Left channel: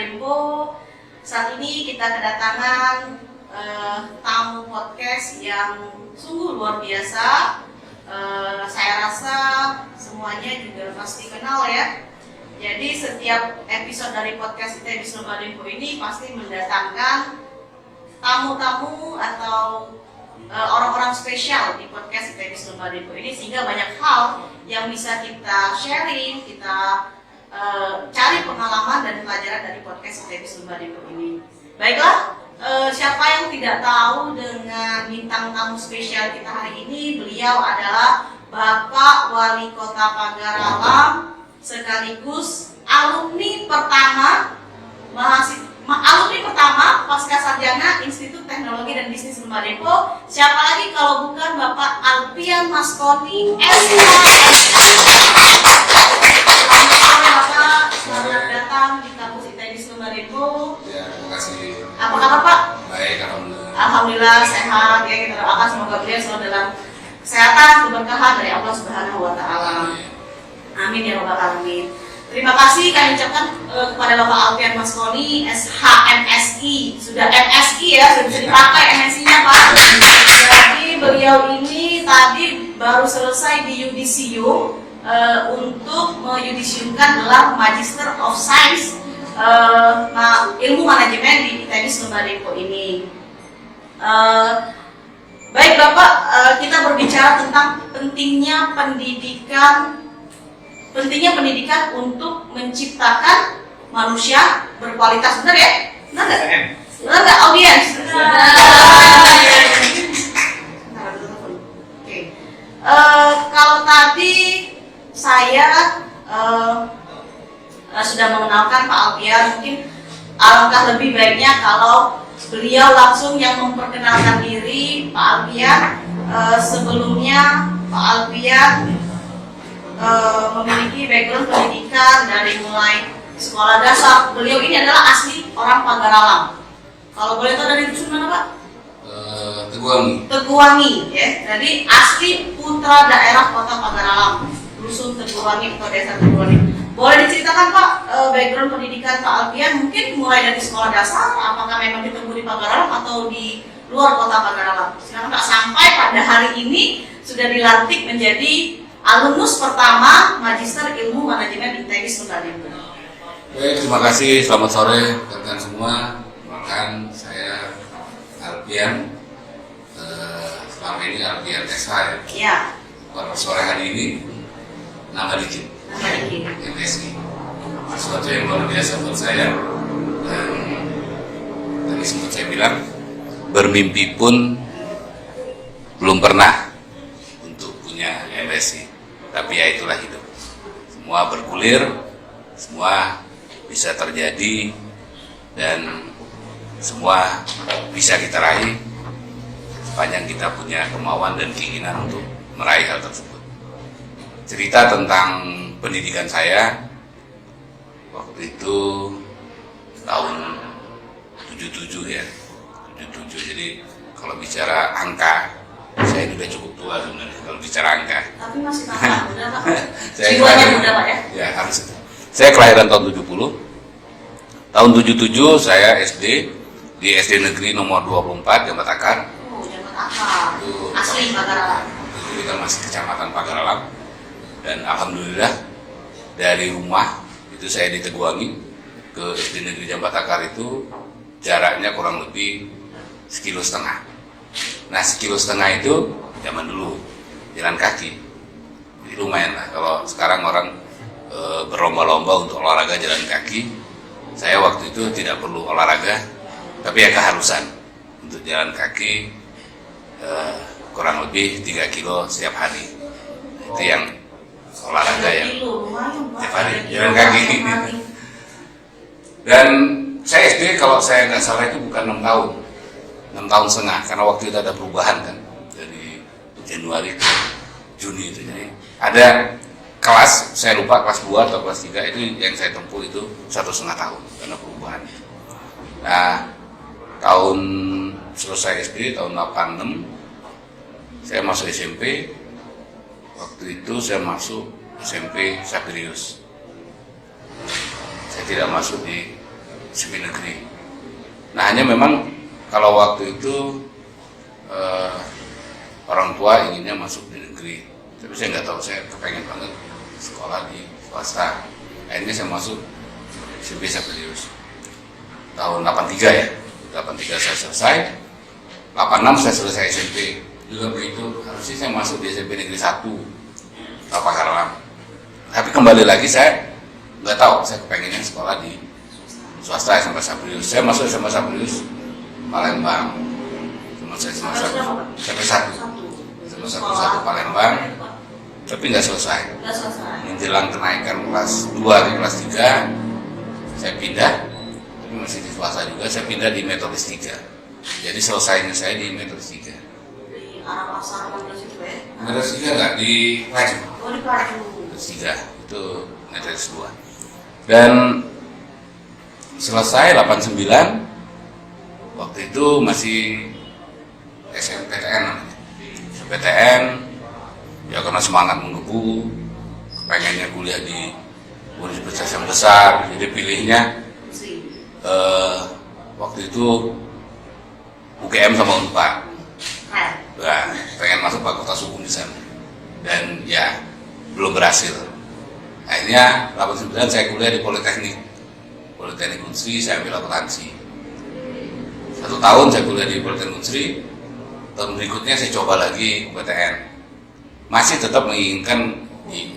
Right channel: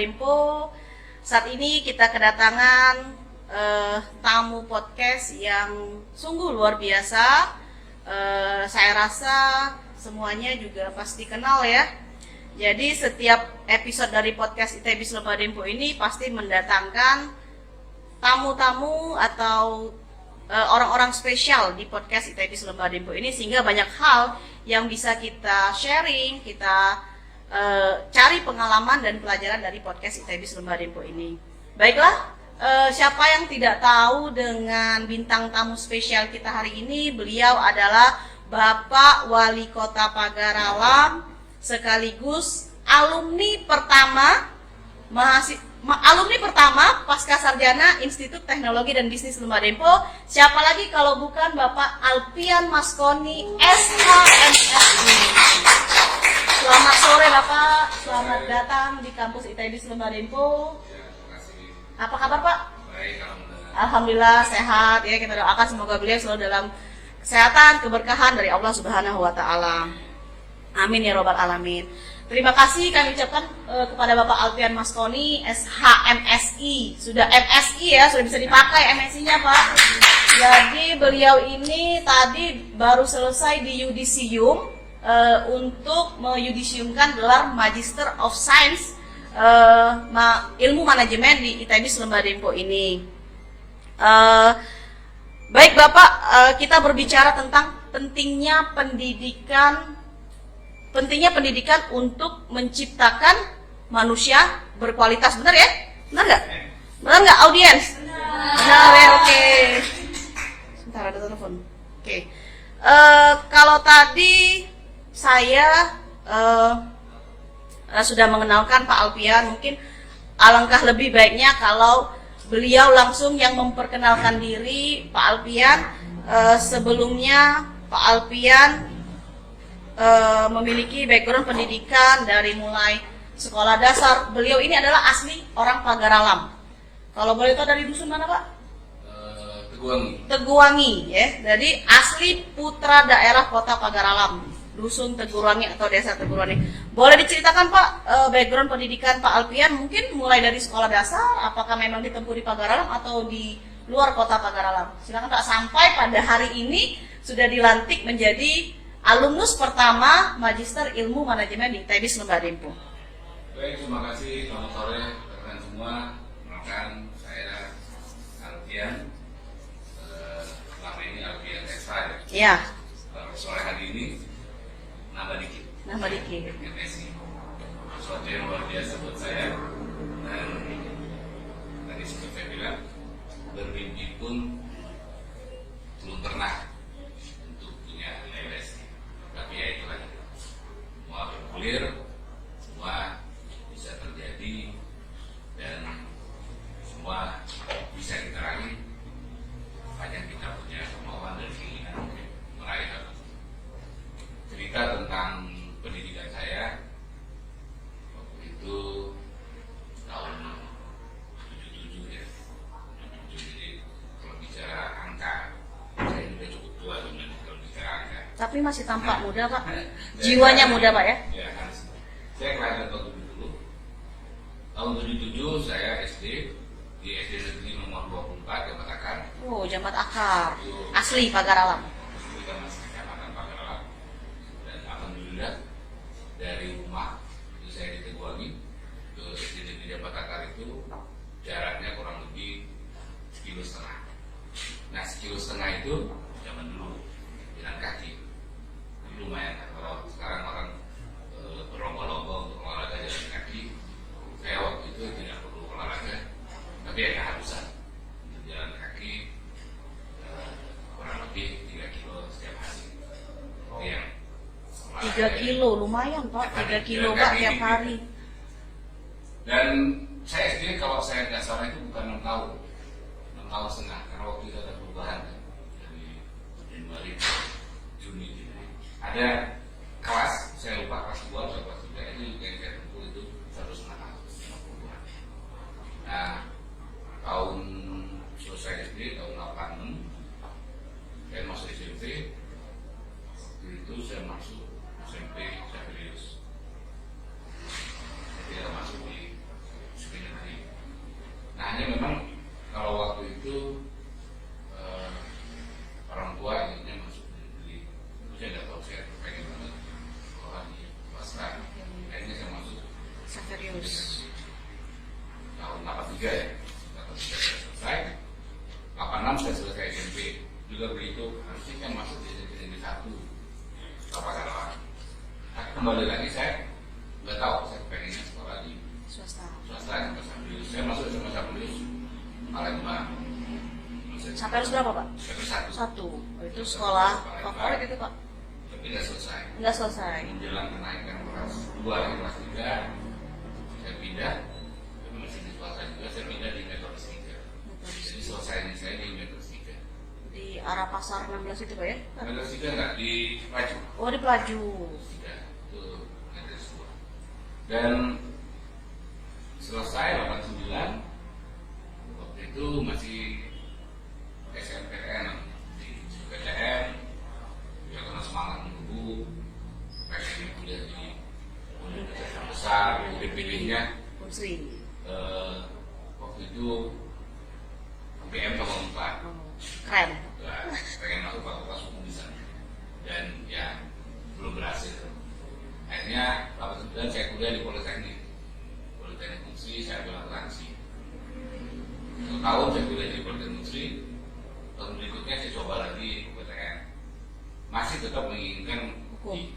Dempo. Saat ini kita kedatangan tamu podcast yang sungguh luar biasa. Saya rasa semuanya juga pasti kenal ya. Jadi setiap episode dari podcast ITB Lomba Dempo ini pasti mendatangkan tamu-tamu atau orang-orang spesial di podcast ITB Lomba Dempo ini, sehingga banyak hal yang bisa kita sharing, kita cari pengalaman dan pelajaran dari podcast ITB Lomba Dempo ini. Baiklah, siapa yang tidak tahu dengan bintang tamu spesial kita hari ini? Beliau adalah Bapak Wali Kota Pagar-Alam, sekaligus alumni pertama pasca sarjana Institut Teknologi dan Bisnis Lomba Dempo. Siapa lagi kalau bukan Bapak Alpian Masconi, SH. Selamat sore Bapak, selamat datang di kampus ITB Lomba Dempo. Ya, terima kasih. Apa kabar Pak? Baik, alhamdulillah. Alhamdulillah sehat. Ya, kita doakan semoga beliau selalu dalam kesehatan, keberkahan dari Allah Subhanahu wa Ta'ala. Amin ya Rabbal Alamin. Terima kasih kami ucapkan kepada Bapak Alpian Masconi, SHMSI. Sudah MSI ya, sudah bisa dipakai MSI-nya Pak. Berarti beliau ini tadi baru selesai di yudisium untuk meyudisiumkan gelar Magister of Science ilmu manajemen di ITB Lomba Dempo ini. Baik Bapak, kita berbicara tentang pentingnya pendidikan untuk menciptakan manusia berkualitas. Benar ya? Benar nggak? Benar nggak audiens? Oke. Kalau tadi saya sudah mengenalkan Pak Alpian, mungkin alangkah lebih baiknya kalau beliau langsung yang memperkenalkan diri. Pak Alpian, sebelumnya Pak Alpian memiliki background pendidikan dari mulai sekolah dasar. Beliau ini adalah asli orang Pagar-Alam. Kalau boleh tahu dari dusun mana Pak? Teguwangi. Teguwangi ya. Jadi asli putra daerah Kota Pagar-Alam, dusun Teguwangi, Kota Desa Teguwangi. Boleh diceritakan Pak background pendidikan Pak Alpian, mungkin mulai dari sekolah dasar, apakah memang ditempuh di Pagar-Alam atau di luar Kota Pagar-Alam? Silakan Pak, sampai pada hari ini sudah dilantik menjadi alumnus pertama Magister Ilmu Manajemen ITB Lomba Dempo. Baik, terima kasih. Selamat sore rekan semua. Makan saya Alpian. Selama ini Alpian SH ya. Iya. Pada sore hari ini nama dikit. MSI. Sesuatu yang luar biasa buat saya. Dan tadi sempat saya bilang, bermimpi pun belum pernah untuk punya MSI. Tapi ya itulah hidup. Semua bergulir, semua bisa terjadi, dan semua bisa kita raih sepanjang kita punya kemauan dan keinginan untuk meraih hal tersebut. Cerita tentang pendidikan saya waktu itu tahun 77 ya, 77. Jadi kalau bicara angka, saya ini udah cukup tua sebenarnya kalau bicara angka. Tapi masih tampak muda Pak. Jiwanya muda Pak ya? Ya harus. Saya kelahiran tahun 70. Tahun 77 saya SD di SD Negeri nomor 24 Jambat Akar. Oh, Jambat Akar. Asli Pagar-Alam. Kita masih kecamatan Pagar-Alam. Dan alhamdulillah dari rumah itu saya di Teguwangi ke SD Negeri Jambat Akar itu jaraknya kurang lebih 1,5 kilo. Nah 1,5 kilo itu zaman dulu jalan kaki. Jadi lumayan lah. Kalau sekarang orang berlomba-lomba untuk olahraga jalan kaki, saya waktu itu tidak perlu olahraga, tapi ya keharusan untuk jalan kaki kurang lebih 3 kilo setiap hari. Itu yang olahraga yang setiap hari jalan kaki. Dan saya SD kalau saya nggak salah itu bukan 6 tahun. 6 tahun setengah, karena waktu itu ada perubahan kan dari Januari ke Juni itu. Jadi ada kelas, saya lupa kelas 2 atau kelas 3 itu yang saya tempuh itu 1,5 tahun karena perubahan. Nah, tahun selesai SD tahun 86 saya masuk SMP. Waktu itu saya masuk SMP Sapirius. Saya tidak masuk di SMP negeri. Nah hanya memang kalau waktu itu orang tua inginnya masuk di negeri, tapi saya nggak tahu, saya kepengen banget sekolah di swasta. Akhirnya saya masuk SMP Sabrius tahun 83 ya. 83 saya selesai, 86 saya selesai SMP. Juga begitu, harusnya saya masuk di SMP Negeri 1 Pagarlam. Tapi kembali lagi saya nggak tahu, saya kepengennya sekolah di swasta SMP Sabrius. Saya masuk SMP Sabrius Palembang. Saya SMP 1 Palembang, tapi nggak selesai. Menjelang kenaikan kelas 2 ke kelas 3, saya pindah, tapi masih di swasta juga. Saya pindah di Metodis 3. Jadi selesainya saya di Metodis 3. Di arah pasar 16 itu ya? Metodis 3 nggak, di Paju. Oh di Paju. Metodis 3 itu Metodis 2. Dan selesai 89, waktu itu masih SMPTN namanya. SMPTN ya karena semangat menggebu, pengennya kuliah di universitas yang besar, jadi pilihnya waktu itu UGM sama Unpad. Nah, pengen masuk Fakultas Hukum di sana, dan ya belum berhasil. Akhirnya 89 saya kuliah di Politeknik Unsri, saya ambil akuntansi. 1 tahun saya kuliah di Politeknik Unsri. Tahun berikutnya saya coba lagi PTN, masih tetap menginginkan di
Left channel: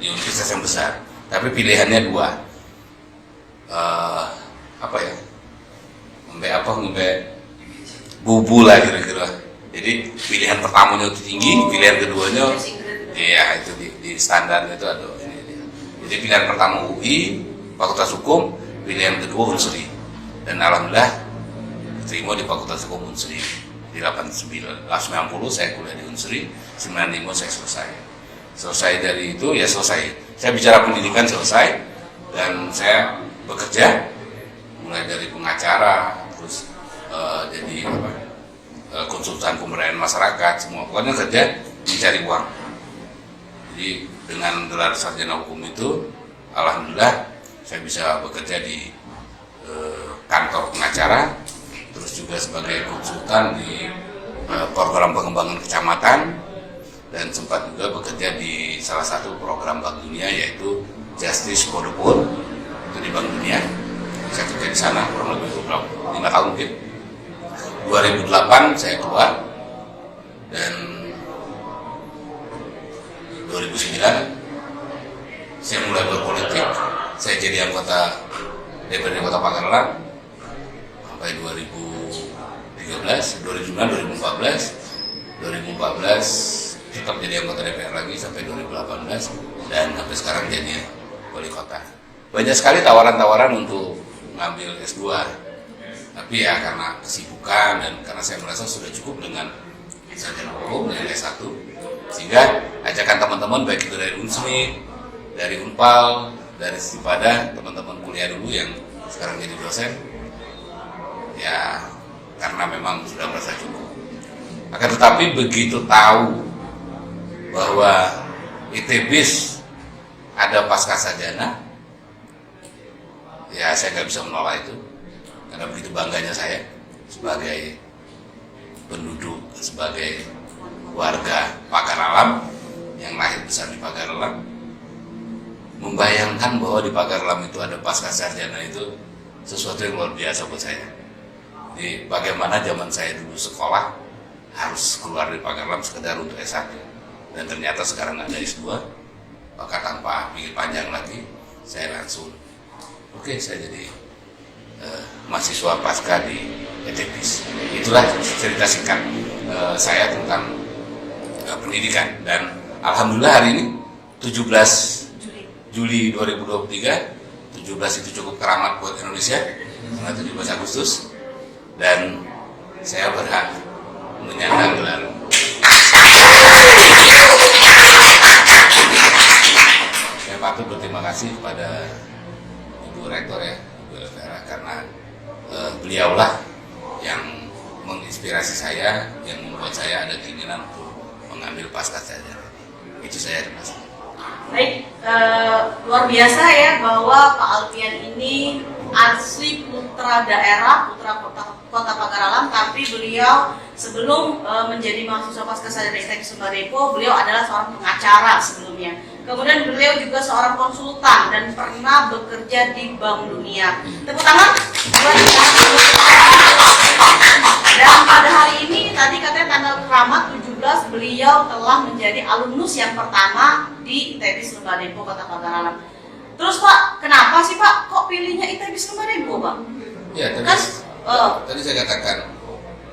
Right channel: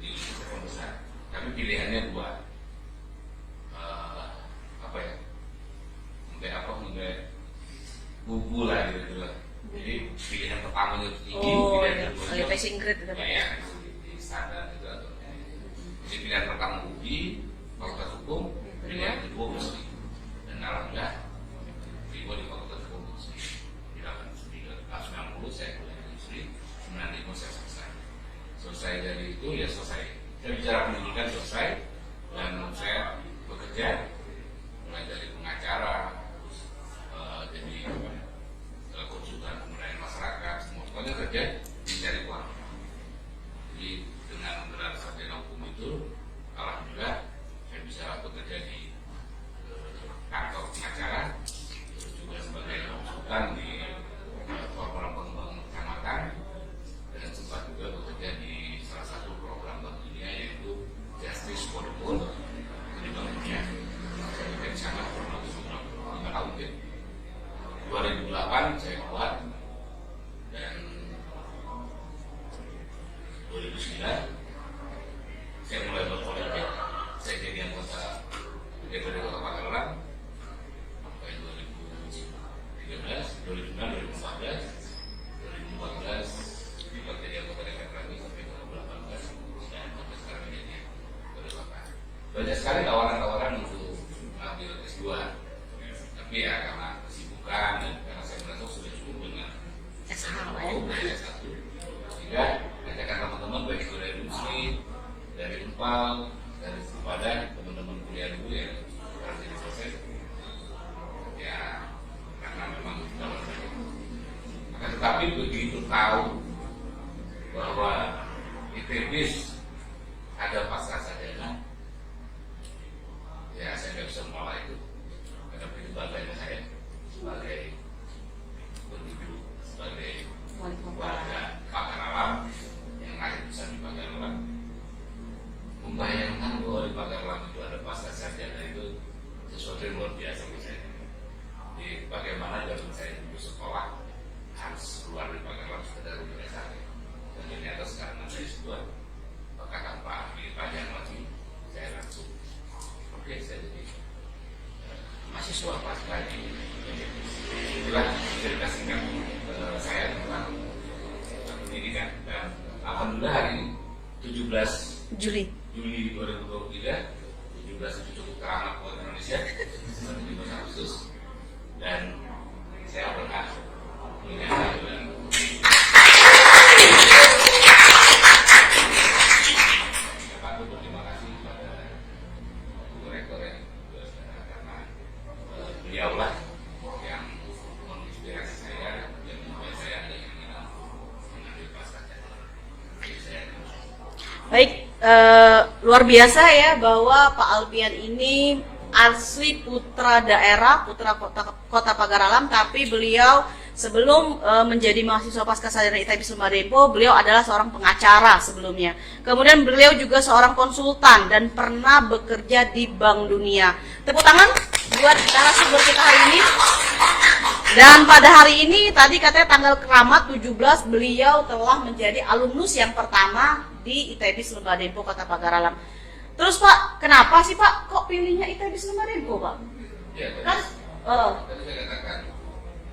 universitas yang besar, tapi pilihannya 2, ngembe bubu lah kira-kira. Jadi pilihan pertamanya itu tinggi, pilihan keduanya iya itu di standar itu ada ini. Jadi pilihan pertama UI Fakultas Hukum, pilihan kedua Unsri, dan alhamdulillah terima di Fakultas Hukum Unsri. Di 90 saya kuliah di Unsri, 95 saya selesai dari itu ya selesai. Saya bicara pendidikan selesai, dan saya bekerja mulai dari pengacara, terus jadi konsultan pemberdayaan masyarakat, semua pokoknya kerja mencari uang. Jadi dengan gelar sarjana hukum itu, alhamdulillah saya bisa bekerja di kantor pengacara, terus juga sebagai konsultan di program pengembangan kecamatan, dan sempat juga bekerja di salah satu program Bank Dunia, yaitu Justice for the Poor, itu di Bank Dunia. Saya kerja di sana kurang lebih 5 tahun mungkin. 2008 saya keluar, dan 2009 saya mulai berpolitik. Saya jadi anggota DPRD Kota Pagarlam sampai 2013, 2009, 2014 tetap jadi anggota DPR lagi sampai 2018, dan sampai sekarang jadi wali kota. Banyak sekali tawaran-tawaran untuk ngambil S2, tapi ya karena kesibukan dan karena saya merasa sudah cukup dengan sarjana hukum dan S1, sehingga ajakan teman-teman baik itu dari Unsri, dari Unpal, dari Sipada, teman-teman kuliah dulu yang sekarang jadi dosen, ya karena memang sudah merasa cukup. Akan tetapi begitu tahu bahwa ITBIS ada pascasarjana, ya saya nggak bisa menolak itu, karena begitu bangganya saya sebagai penduduk, sebagai warga Pagarlam yang lahir besar di Pagarlam, membayangkan bahwa di Pagarlam itu ada pascasarjana itu sesuatu yang luar biasa buat saya. Jadi bagaimana zaman saya dulu sekolah harus keluar dari Pagarlam sekedar untuk S1, dan ternyata sekarang ada S2, maka tanpa pikir panjang lagi saya langsung saya jadi mahasiswa pasca di ITBIS. Itulah cerita singkat saya tentang pendidikan, dan alhamdulillah hari ini 17 Juli 2023, 17 itu cukup keramat buat Indonesia, 17 Agustus, dan saya berhak menyandang gelar. Saya patut berterima kasih kepada Ibu Rektor ya, Ibu Elvira, karena beliaulah yang menginspirasi saya, yang membuat saya ada keinginan untuk mengambil pascasarjana. Itu saya terima kasih. Baik, luar biasa ya bahwa Pak Alfian ini asli putra daerah, putra kota Pagar Alam, tapi beliau sebelum menjadi mahasiswa Pascasarjana ITB Sumba Depo, beliau adalah seorang pengacara sebelumnya. Kemudian beliau juga seorang konsultan dan pernah bekerja di Bank Dunia. Tepuk tangan buat kita. Dan pada hari ini, tadi katanya tanggal keramat 17, beliau telah menjadi alumnus yang pertama di ITB Sumba Depo Kota Pagar Alam. Terus Pak, kenapa sih Pak kok pilihnya ITB Sumba Depo Pak? Ya, Kan, tadi saya katakan,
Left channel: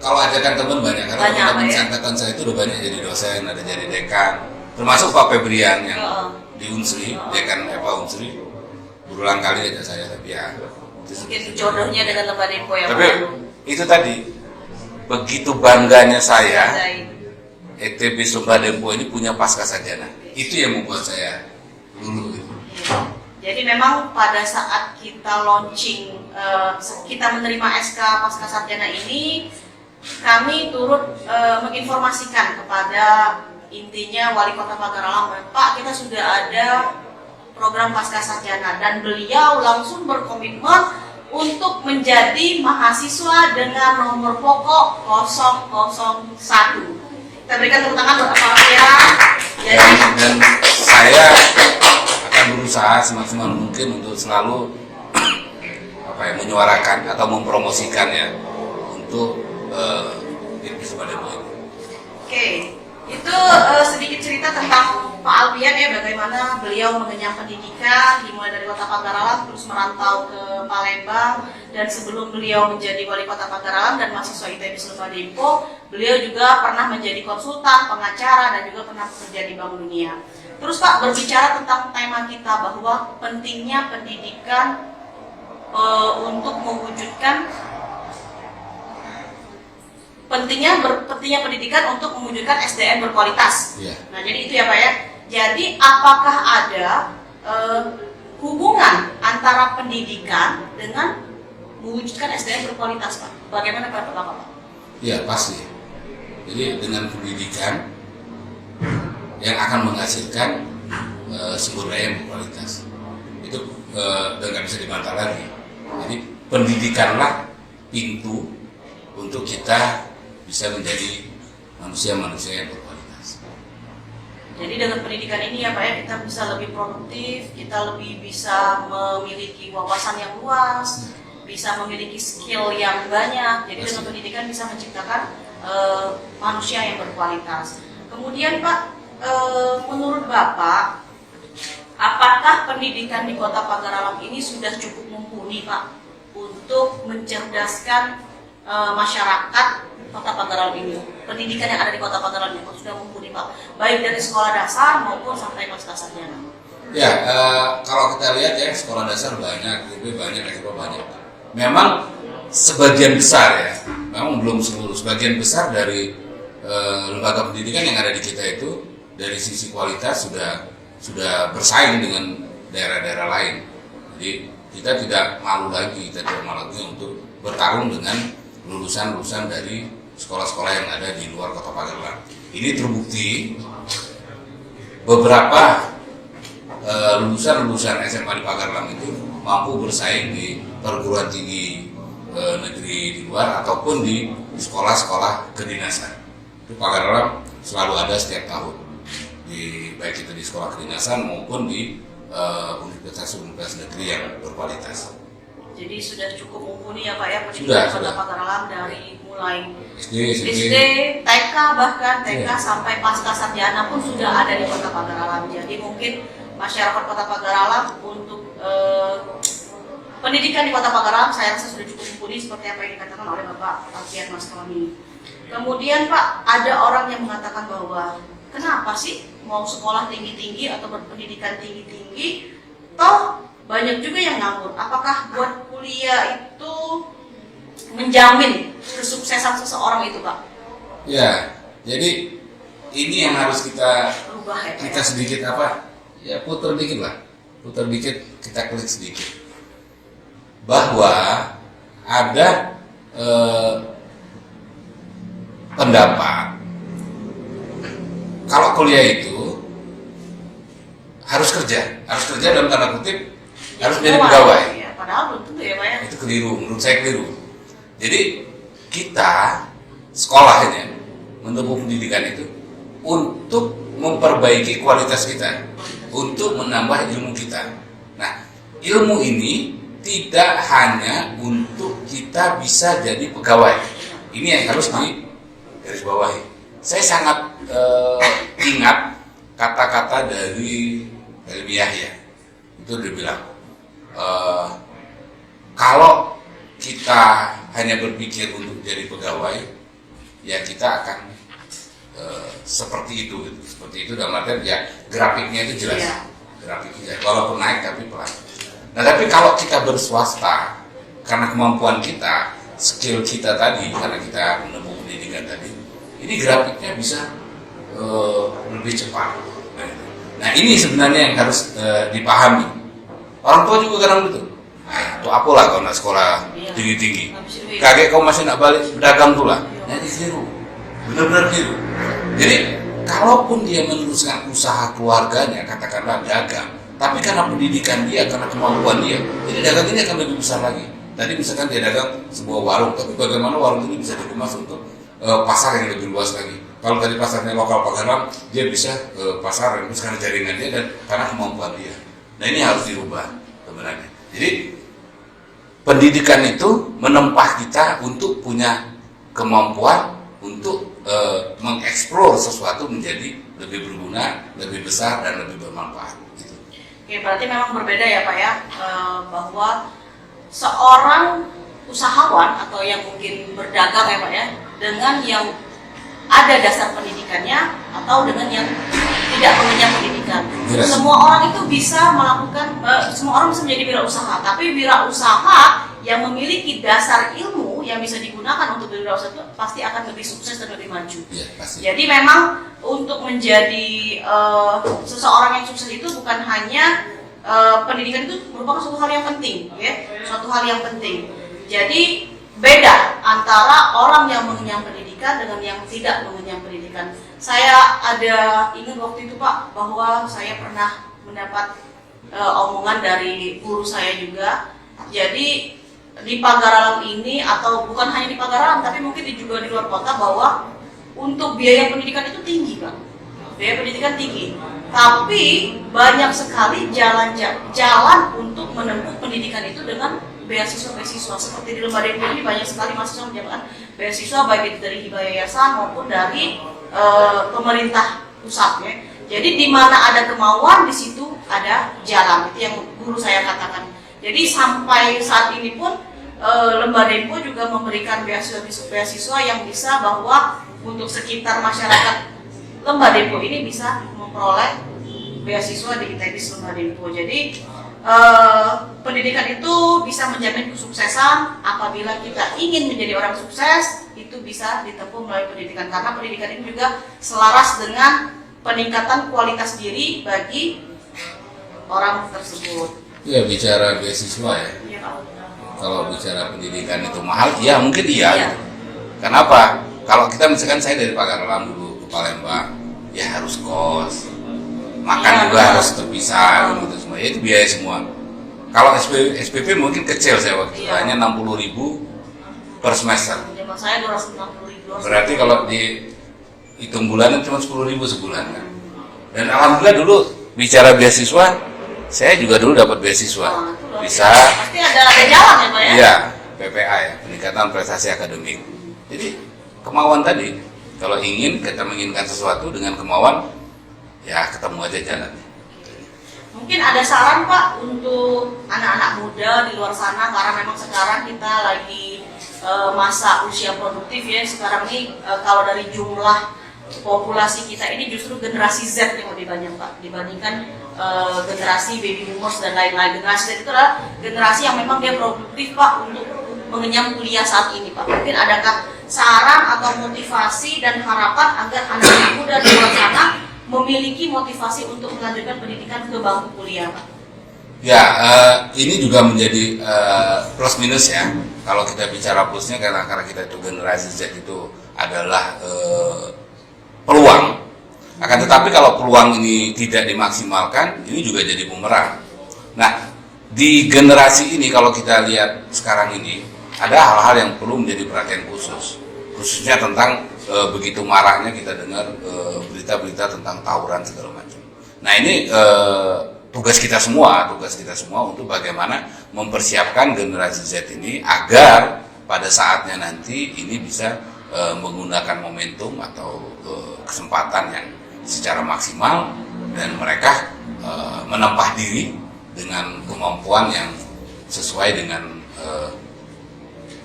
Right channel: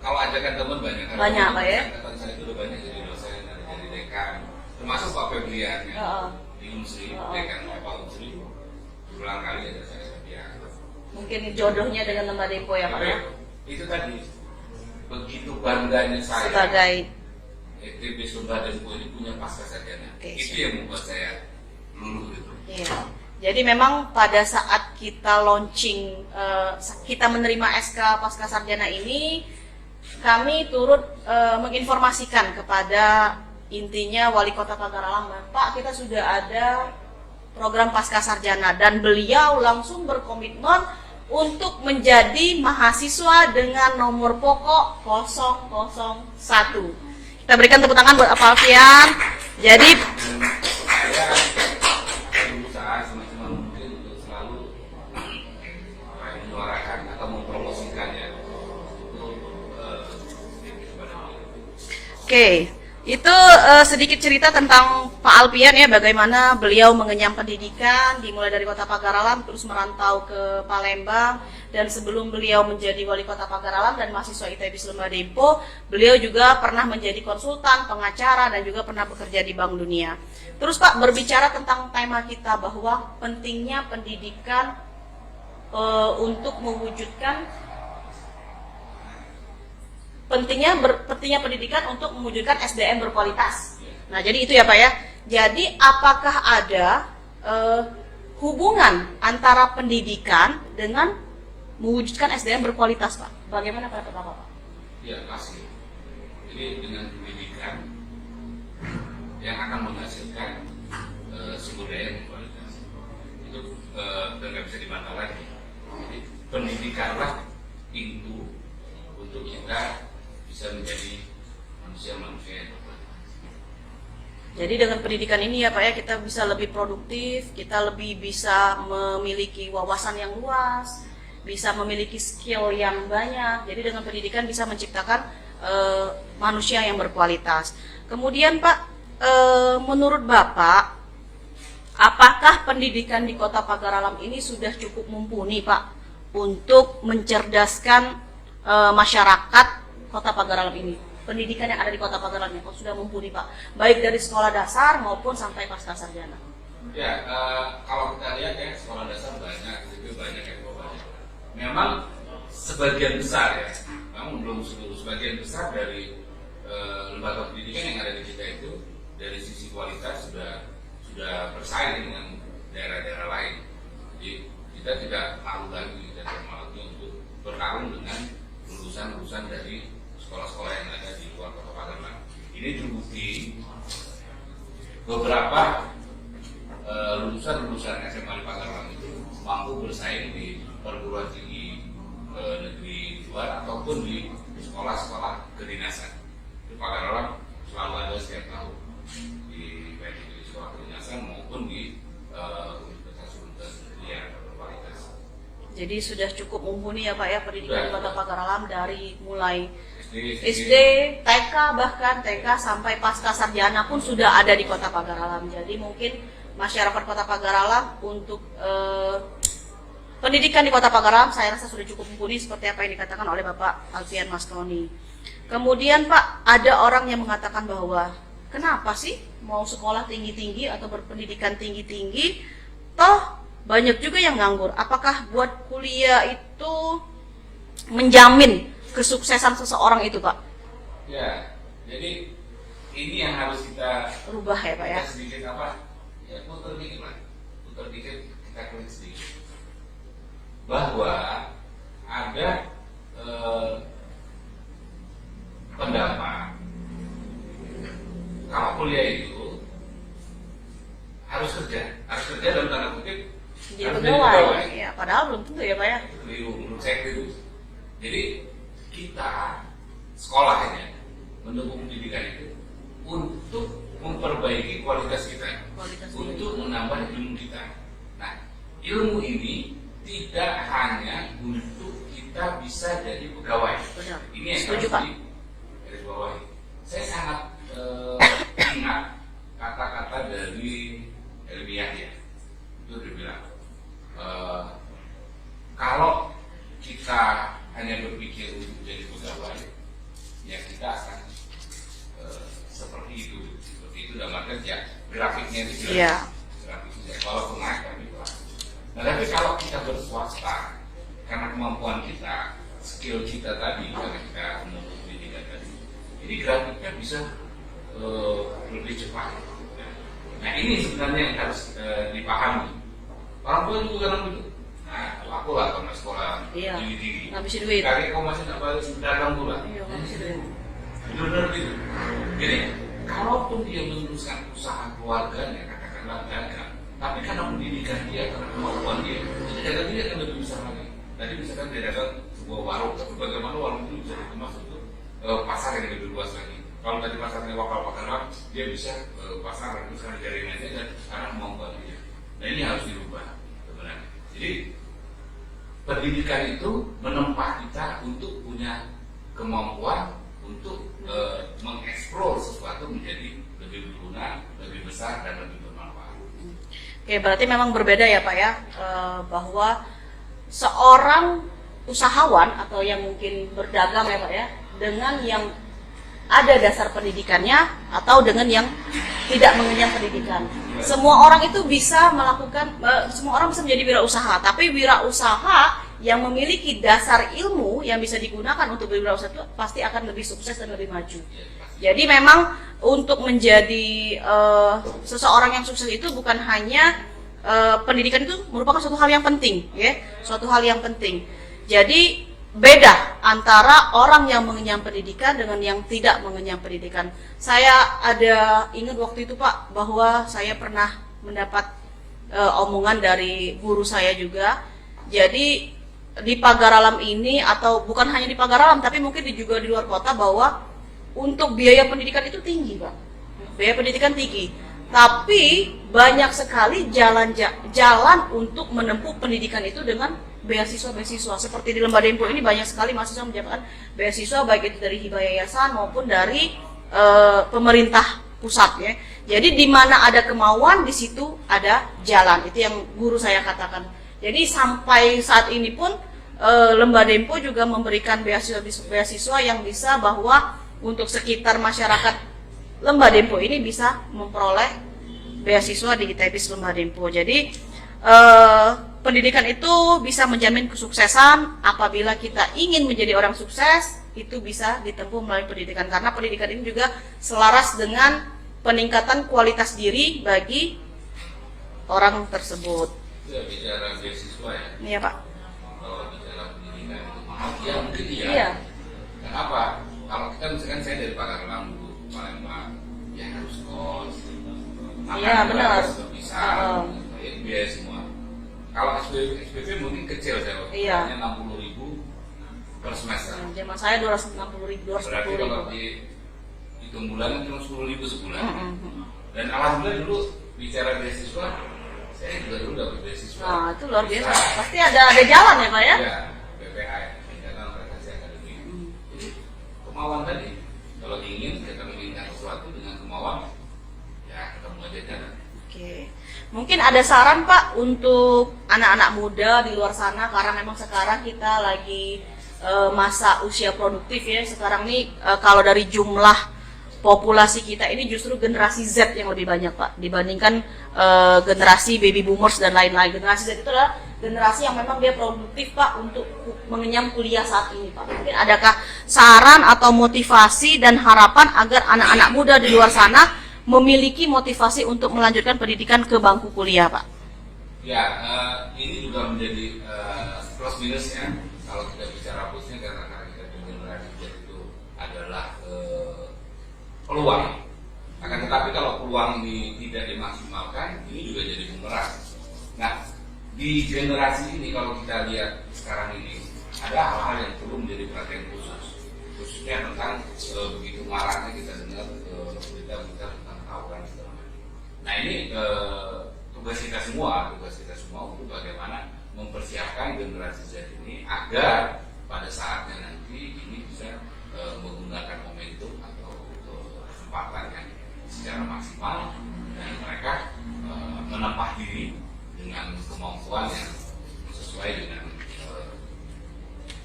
kalau ajakan teman banyak, karena Banyak, teman ya. angkatan saya itu udah banyak jadi dosen, ada jadi dekan, termasuk Pak Febrian yang di Unsri, dekan EPA Unsri, berulang kali aja saya, tapi ya mungkin jodohnya dengan Lemba Depo ya tapi Pak. itu tadi, begitu bangganya saya, Sebagai ITB Sumba Depo ini punya Pascasarjana, itu yang membuat saya dulu gitu. Iya. Jadi memang pada saat kita launching, kita menerima SK Pascasarjana ini, kami turut menginformasikan kepada intinya Wali Kota Pagar Alam, Pak, kita sudah ada program Pascasarjana, dan beliau langsung berkomitmen untuk menjadi mahasiswa dengan nomor pokok 001. Kita berikan tepuk tangan buat Pak Alfian. Jadi Dan saya akan berusaha semaksimal mungkin untuk selalu menyuarakan atau mempromosikannya untuk ITB Sumba Depo ini. Oke, itu sedikit cerita tentang Pak Alfian ya, bagaimana beliau mengenyam pendidikan dimulai dari Kota Pagar Alam terus merantau ke Palembang, dan sebelum beliau menjadi Wali Kota Pagar Alam dan mahasiswa ITB Sumba Depo, beliau juga pernah menjadi konsultan, pengacara, dan juga pernah bekerja di Bank Dunia. Terus Pak, berbicara tentang tema kita bahwa pentingnya pendidikan untuk mewujudkan pentingnya pendidikan untuk mewujudkan SDM berkualitas. Iya. Nah, jadi itu ya Pak ya. Jadi apakah ada hubungan antara pendidikan dengan mewujudkan SDM berkualitas Pak? Bagaimana Pak Bapak? Iya, pasti. Jadi dengan pendidikan yang akan menghasilkan sumber daya yang berkualitas, itu nggak bisa dibantah lagi. Jadi pendidikanlah pintu untuk kita bisa menjadi manusia-manusia yang berkualitas. Jadi dengan pendidikan ini ya Pak ya, kita bisa lebih produktif, kita lebih bisa memiliki wawasan yang luas, bisa memiliki skill yang banyak. Jadi dengan pendidikan bisa menciptakan manusia yang berkualitas. Kemudian Pak, menurut Bapak, apakah pendidikan di Kota Pagar Alam ini sudah cukup mumpuni Pak untuk mencerdaskan masyarakat Kota Pagar Alam ini? Pendidikan yang ada di Kota Pagar Alam ini sudah mumpuni Pak, baik dari sekolah dasar maupun sampai Pascasarjana. Ya, kalau kita lihat ya, sekolah dasar banyak, ITB banyak, SMA banyak. Memang sebagian besar ya, memang belum seluruh, sebagian besar dari lembaga pendidikan yang ada di kita itu dari sisi kualitas sudah bersaing dengan daerah-daerah lain. Jadi kita tidak malu lagi, kita tidak malu lagi untuk bertarung dengan lulusan-lulusan dari sekolah-sekolah yang ada di luar Kota Pagar Alam. Ini terbukti beberapa lulusan-lulusan SMA di Pagar Alam itu mampu bersaing di perguruan tinggi negeri di luar ataupun di sekolah-sekolah kedinasan. Itu Pagar Alam selalu ada setiap tahun, baik itu di sekolah kedinasan maupun di universitas-universitas negeri yang berkualitas. Jadi sudah cukup mumpuni ya Pak ya Sudah. pendidikan Kota Pagar Alam, dari mulai SD, TK, bahkan TK sampai Pascasarjana pun sudah ada di Kota Pagar Alam. Jadi mungkin masyarakat Kota Pagar Alam untuk pendidikan di Kota Pagar Alam saya rasa sudah cukup mumpuni seperti apa yang dikatakan oleh Bapak Alfian Mas Tony. Kemudian Pak, ada orang yang mengatakan bahwa kenapa sih mau sekolah tinggi-tinggi atau berpendidikan tinggi-tinggi, toh banyak juga yang nganggur. Apakah buat kuliah itu menjamin kesuksesan seseorang itu Pak? Ya, jadi ini yang harus kita Berubah ya Pak kita ya? sedikit ya putar dikit lah, putar dikit, kita klik sedikit bahwa ada pendapat kalau kuliah itu harus kerja dalam tanda kutip harus menjadi pegawai. Ya, padahal belum tentu ya Pak ya. keliru, menurut saya keliru. Jadi kita sekolah ini menempuh pendidikan itu untuk memperbaiki kualitas kita, untuk menambah ilmu kita. Nah, ilmu ini tidak hanya untuk kita bisa jadi pegawai. Ini yang harus digarisbawahi. Saya sangat ingat kata-kata dari Helmi Yahya. Itu dia bilang, kalau kita hanya berpikir untuk jadi pegawai, ya kita akan seperti itu, gitu. Seperti itu dalam artian ya grafiknya itu jelas, yeah. Grafiknya walaupun naik tapi pelan. Nah tapi kalau kita berswasta, karena kemampuan kita, skill kita tadi, karena kita menempuh pendidikan tadi, ini grafiknya bisa lebih cepat. Nah ini sebenarnya yang harus dipahami. Orang tua juga kadang gitu. Nah, itu apalah kalau nak sekolah tinggi-tinggi. Kakek kau masih nak balik berdagang tuh lah. Nah ini keliru, benar-benar keliru. Jadi kalaupun dia meneruskan usaha keluarganya, katakanlah dagang, tapi karena pendidikan dia, karena kemampuan dia, jadi dagang ini akan lebih besar lagi. Tadi misalkan dia dagang sebuah warung, tapi bagaimana warung ini bisa dikemas untuk pasar yang lebih luas lagi. Kalau dari pasarnya lokal Pagalan, dia bisa pasar yang karena jaringan dia dan karena kemampuan dia. Nah ini harus dirubah sebenarnya. Jadi pendidikan itu menempa kita untuk punya kemampuan untuk mengeksplor sesuatu menjadi lebih berguna, lebih besar dan lebih bermanfaat. Gitu. Oke, berarti memang berbeda ya Pak ya, bahwa seorang usahawan atau yang mungkin berdagang ya Pak ya, dengan yang ada dasar pendidikannya atau dengan yang tidak mengenyam pendidikan. Yes. Semua orang itu bisa melakukan, semua orang bisa menjadi wirausaha, tapi wirausaha yang memiliki dasar ilmu yang bisa digunakan untuk berwirausaha itu pasti akan lebih sukses dan lebih maju. Ya, pasti. Jadi memang untuk menjadi seseorang yang sukses itu bukan hanya pendidikan itu merupakan suatu hal yang penting, ya, suatu hal yang penting. Jadi beda antara orang yang mengenyam pendidikan dengan yang tidak mengenyam pendidikan. Saya ada ingat waktu itu Pak bahwa saya pernah mendapat omongan dari guru saya juga. Jadi di Pagaralam ini, atau bukan hanya di Pagaralam tapi mungkin juga di luar kota, bahwa untuk biaya pendidikan itu tinggi Pak. Biaya pendidikan tinggi. Tapi banyak sekali jalan untuk menempuh pendidikan itu dengan beasiswa-beasiswa. Seperti di Lembah Dempo ini banyak sekali mahasiswa mendapatkan beasiswa baik itu dari hibah yayasan maupun dari pemerintah pusat ya. Jadi di mana ada kemauan di situ ada jalan. Itu yang guru saya katakan. Jadi sampai saat ini pun Lembah Dempo juga memberikan beasiswa yang bisa bahwa untuk sekitar masyarakat Lembah Dempo ini bisa memperoleh beasiswa di ITB Lembah Dempo. Jadi pendidikan itu bisa menjamin kesuksesan. Apabila kita ingin menjadi orang sukses, itu bisa ditempuh melalui pendidikan, karena pendidikan ini juga selaras dengan peningkatan kualitas diri bagi orang tersebut. Ya, bicara beasiswa ya. Iya Pak. Kalau bicara pendidikan itu mahal, ya mungkin iya. Kenapa? Kalau kita misalkan saya dari Pagaralam dulu ke Palembang, ya harus kos, makan juga harus terpisah, gitu semua. Ya, itu biaya semua. Kalau SPP mungkin kecil saya waktu itu, hanya 60.000 per semester. Cuma saya 260.000. Berarti kalau dihitung bulanan cuma 10.000 sebulan kan. Dan alhamdulillah dulu bicara beasiswa, saya juga dulu dapat beasiswa. Bisa. Pasti ada jalan ya Pak ya? Iya, PPA ya, peningkatan prestasi akademik. Jadi kemauan tadi, kalau kita menginginkan sesuatu dengan kemauan, ya ketemu aja jalan. Mungkin ada saran Pak untuk anak-anak muda di luar sana, karena memang sekarang kita lagi masa usia produktif ya. Sekarang ini kalau dari jumlah populasi kita ini justru generasi Z yang lebih banyak Pak dibandingkan generasi baby boomers dan lain-lain. Generasi Z itu adalah generasi yang memang dia produktif Pak untuk mengenyam kuliah saat ini Pak. Mungkin adakah saran atau motivasi dan harapan agar anak-anak muda di luar sana memiliki motivasi untuk melanjutkan pendidikan ke bangku kuliah Pak? Ya, ini juga menjadi plus minus ya. Kalau kita bicara plusnya, karena kita itu generasi Z itu adalah peluang. Akan tetapi kalau peluang ini tidak dimaksimalkan, ini juga jadi bumerang. Nah, di generasi ini kalau kita lihat sekarang ini ada hal-hal yang perlu menjadi perhatian khususnya tentang begitu maraknya kita dengar berita-berita tentang tawuran segala macam. Nah ini tugas kita semua untuk bagaimana mempersiapkan generasi Z ini agar pada saatnya nanti ini bisa menggunakan momentum atau kesempatan yang secara maksimal dan mereka menempah diri dengan kemampuan yang sesuai dengan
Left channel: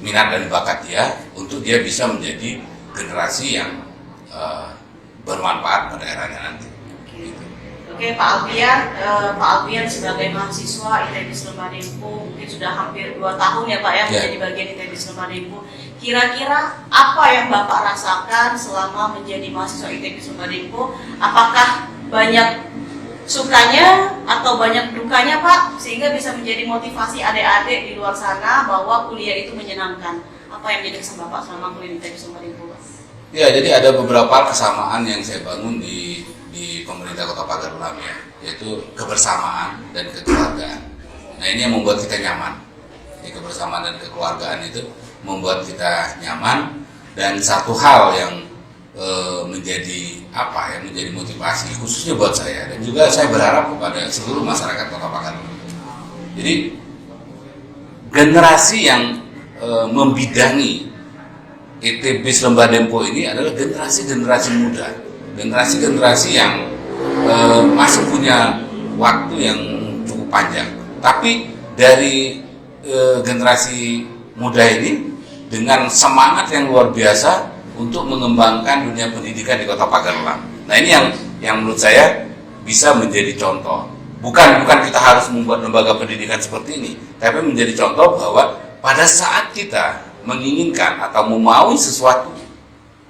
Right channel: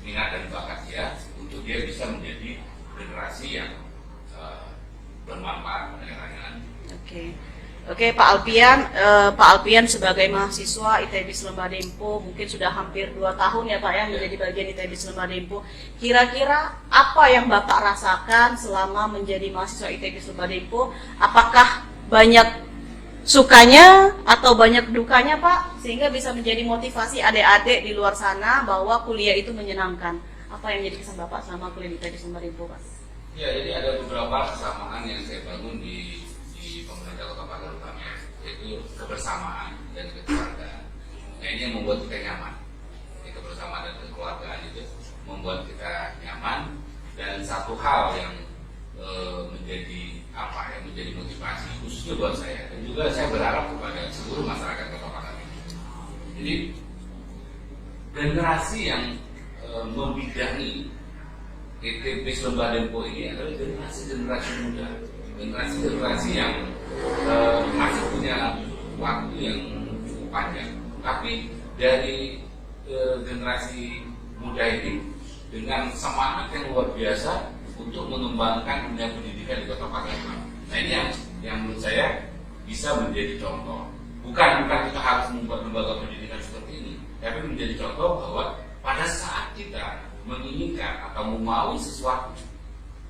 minat dan bakat dia untuk dia bisa menjadi generasi yang bermanfaat pada eranya nanti. Oke, Pak Alpian sebagai mahasiswa ITB Selema Dempo mungkin sudah hampir 2 tahun ya Pak ya menjadi bagian ITB Selema Dempo. Kira-kira apa yang Bapak rasakan selama menjadi mahasiswa ITB Selema Dempo? Apakah banyak sukanya atau banyak dukanya Pak sehingga bisa menjadi motivasi adik-adik di luar sana bahwa kuliah itu menyenangkan? Apa yang menjadi kesan Bapak selama kuliah di ITB Selema Dempo? Ya, jadi ada beberapa kesamaan yang saya bangun di pemerintah Kota Pagar Ulam ya, yaitu kebersamaan dan kekeluargaan. Nah ini yang membuat kita nyaman. Jadi kebersamaan dan kekeluargaan itu membuat kita nyaman, dan satu hal yang menjadi motivasi khususnya buat saya dan juga saya berharap kepada seluruh masyarakat Kota Pagar Ulam. Jadi generasi yang membidangi ITB Selema Dempo ini adalah generasi muda, generasi yang masih punya waktu yang cukup panjang. Tapi dari generasi muda ini dengan semangat yang luar biasa untuk mengembangkan dunia pendidikan di Kota Pagar Ulam. Nah ini yang menurut saya bisa menjadi contoh. Bukan kita harus membuat lembaga pendidikan seperti ini, tapi menjadi contoh bahwa pada saat kita menginginkan atau memaui sesuatu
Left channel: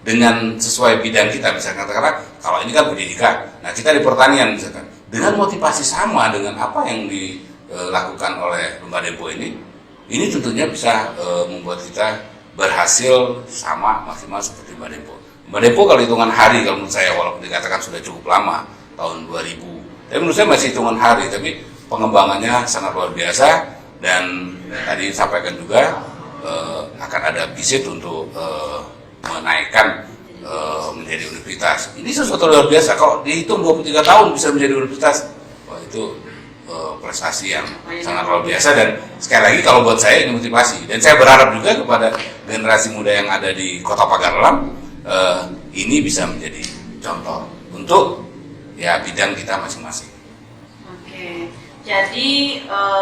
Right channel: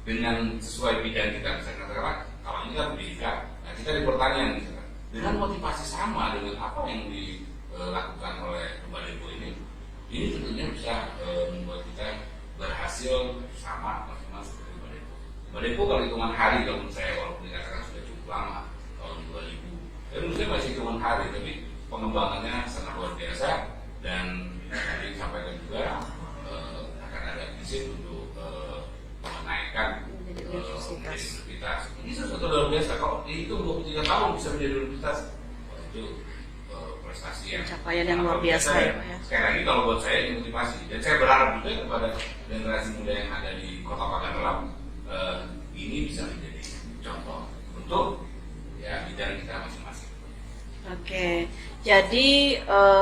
dengan sesuai bidang kita, misalkan katakanlah kalau ini kan pendidikan, nah kita di pertanian misalkan, dengan motivasi sama dengan apa yang dilakukan oleh Lemba Dempo ini tentunya bisa membuat kita berhasil sama maksimal seperti Lemba Dempo. Lemba Dempo kalau hitungan hari, kalau menurut saya walaupun dikatakan sudah cukup lama tahun 2000, tapi menurut saya masih hitungan hari, tapi pengembangannya sangat luar biasa. Dan tadi disampaikan juga akan ada visit untuk menaikkan menjadi universitas. Ini sesuatu luar biasa. Kalau dihitung 23 tahun bisa menjadi universitas, wah itu prestasi yang sangat luar biasa. Dan sekali lagi kalau buat saya ini motivasi. Dan saya berharap juga kepada generasi muda yang ada di Kota Pagar Ulam ini bisa menjadi contoh untuk ya bidang kita masing-masing. Oke, jadi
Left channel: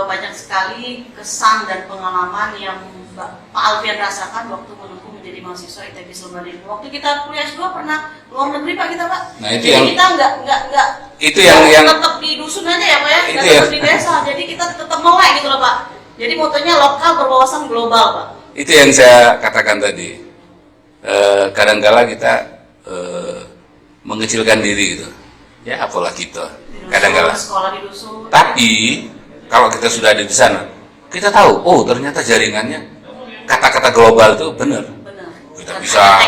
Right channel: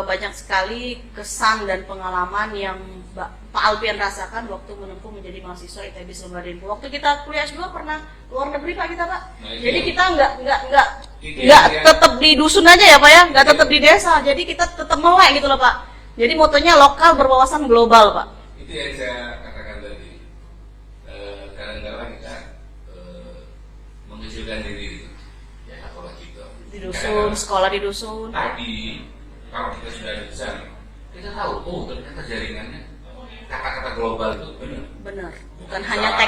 banyak sekali kesan dan pengalaman yang Pak Alpian rasakan waktu menempuh menjadi mahasiswa ITB Selema Dempo. Waktu kita kuliah juga pernah luar negeri Pak kita Pak. Nah, itu jadi yang, kita nggak itu yang tetap di dusun aja ya Pak ya, nggak tetap di desa. Jadi kita tetap melek gitu loh Pak. Jadi motonya lokal berwawasan global Pak. Itu yang saya katakan tadi. Kadang-kala kita mengecilkan diri gitu. Ya apalah kita. Kadang-kala sekolah di dusun. Tapi kalau kita sudah ada di sana, kita tahu, oh ternyata jaringannya kata-kata global itu benar. Kita bisa